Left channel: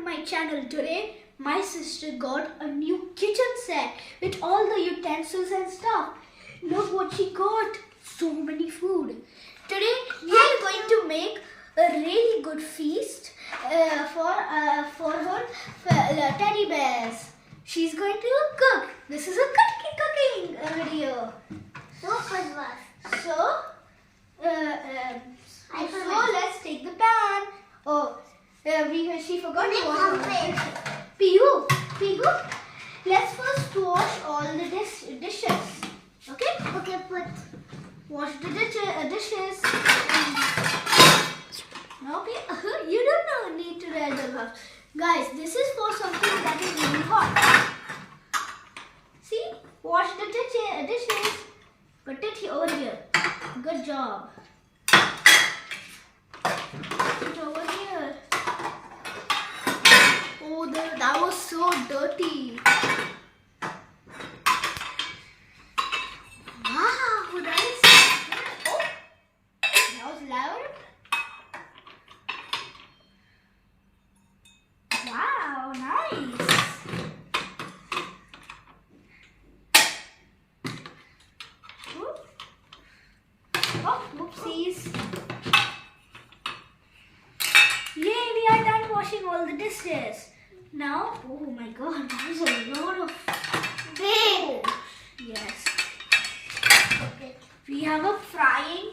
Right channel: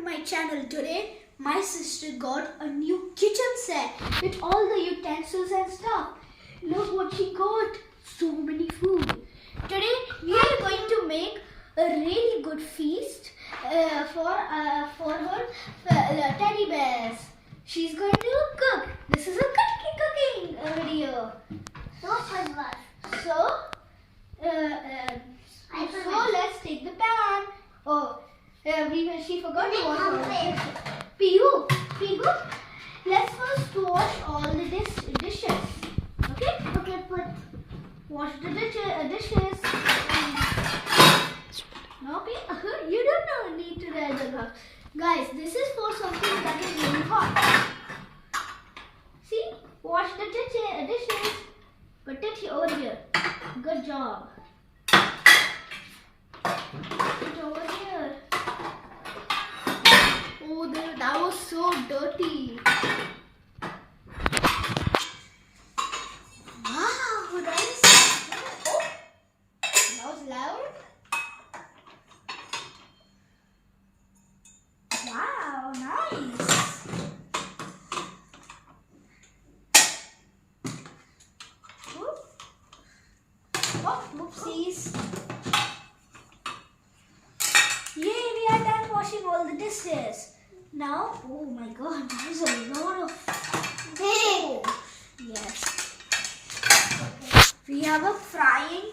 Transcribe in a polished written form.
to my channel. Today my sister got a new kitchen set with all the utensils and stuff. Look what she got. So many food. Today we are going to make a really good feast for her teddy bears. She's going to cook. This is a cooking video. So let's take the pan. She forgot to wash all the dishes. Pihu, let's first wash all the dishes. Okay, wash the dishes. No, you don't need to wear the gloves. Guys, this is for something that is really hot. See, wash the dishes. Put it over here. Good job. Put it over here. Oh, that was so dirty. Wow, that is. Oh, that was loud. Wow, nice. Oh, whoopsies. Yay, we are done washing all the dishes. Now, oh my god, that is a lot of big. Yes. Okay. We have a frying